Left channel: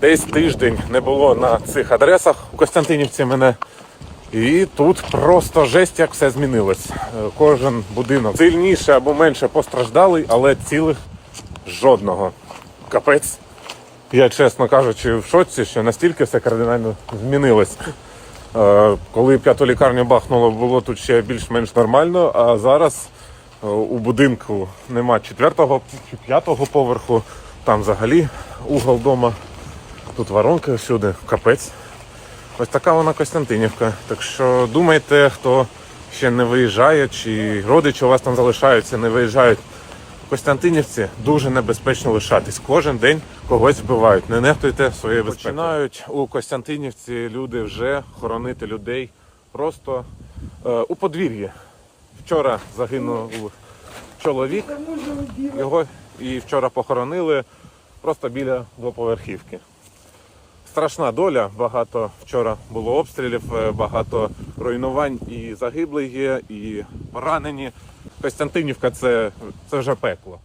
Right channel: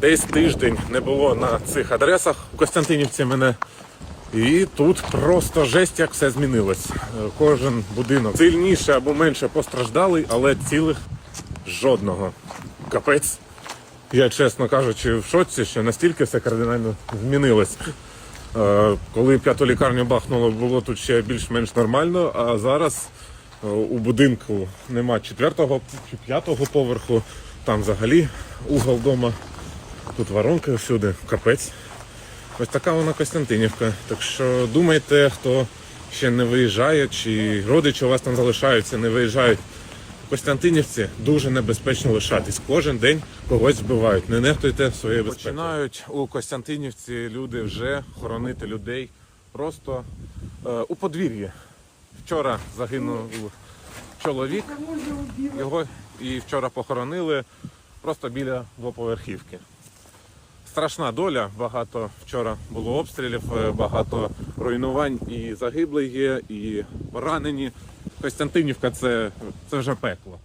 Десь тиждень не було на цих адресах у Костянтинівці мене. І тут просто жесть, як все змінилось. Е, Кожен будинок сильніше або менше постраждалий, але цілих жодного. Капець. Я, чесно кажучи, в шоці, що настільки все кардинально змінилось. Е, Коли п'яту лікарню бахнуло, було тут ще більш-менш нормально, а зараз е, у будинку нема четвертого чи п'ятого поверху, там взагалі угол дома, тут воронки всюди, капець. Ось така вона Костянтинівка. Так що думайте, хто ще не виїжджає, чи родичі у вас там залишаються, не виїжджають. У Костянтинівці дуже небезпечно лишатись. Кожен день когось вбивають. Не нехтуйте своєю безпекою. Починають у Костянтинівці люди вже хоронити людей просто е, у подвір'ї. Вчора загинув чоловік, його і вчора похоронили просто біля двоповерхівки. Страшна доля. Багато вчора було обстрілів, е, багато руйнувань і загиблих є, і поранені. Костянтинівка це, це вже пекло.